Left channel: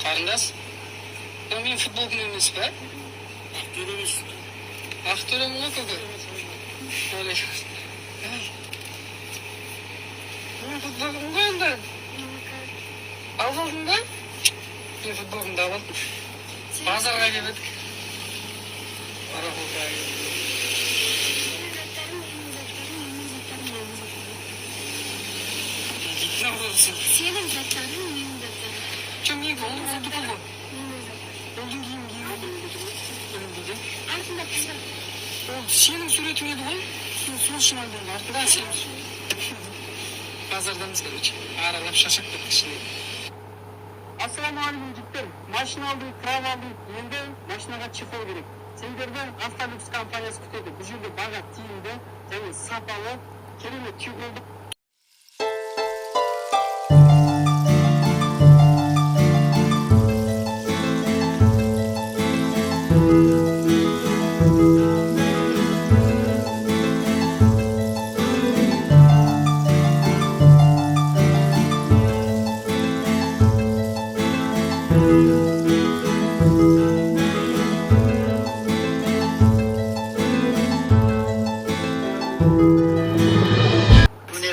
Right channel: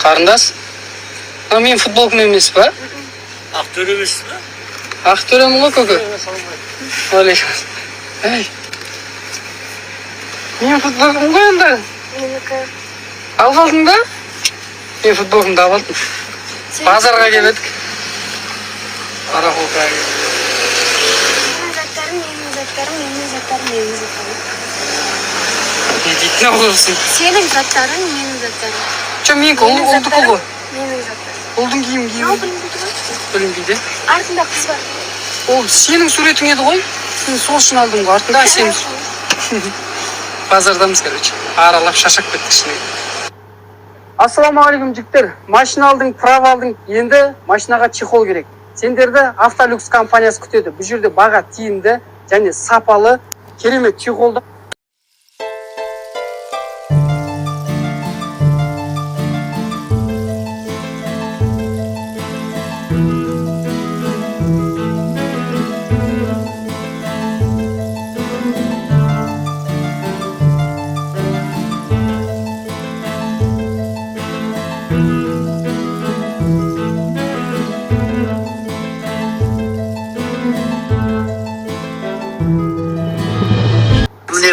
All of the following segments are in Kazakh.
Қарындас? Мен футболкам емес па? Ақтөр емес па? Ақтөремін ғой көке. Алейкум. Әй. Мен футболкам ғой енді. Менікі. Алып алдың ба? Мен футболкамды алып алдым. Базарға келедік. Парақолға келедік. Менің заттарым. Не дейтін ауылсың? Сенің заттарың, менің заттарым. Менікі ұлдікі ғой. Менің заттарым. Ұлдың киім. Білінбейді. Артында қыз бар. Ол сенің суретің еді ғой. Сен сол үшін алдың ғой. Артында сен. Базардамыз, короче. Аралап шашақ кеттік ішіне. Ассаламағалейкум жігіттер. Машина алдың, права алдың. Енді машинаға чехол керек. Сендерді Автолюкс компаниясы күтеді. Бұл жерде баға тиімді және сапалы керемет чехолды.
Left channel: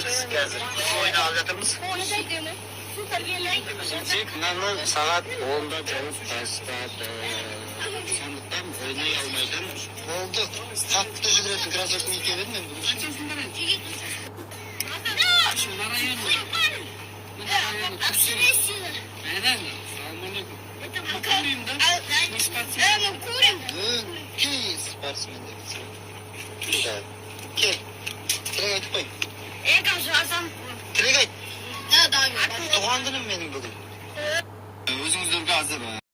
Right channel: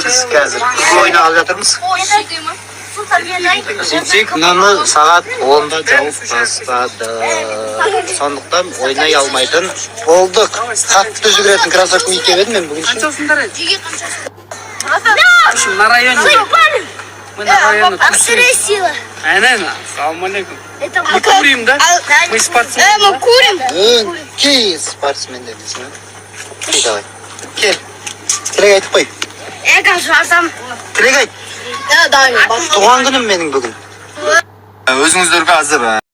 Biz қазір ойна алып жатырмыз. Сөйтсек, мынаны сағат 10-да жауып бастады. Сондықтан ойнай алмайтын болдық. Қатты жүгіретін кроссовка киіп едім мен бүгін. Қаншасыңдар еді? Мына районе. Мына районе. Сила. Салам алейкум. Мы курим, да? Мы спортсмены. Мы курим. Кей спортсмендер дейсің. Кей, давай. Кел. Тілек айтып қой. Жазам. Тілек айт. Туған күнім менің бүгін. Өзіңіздерге азыр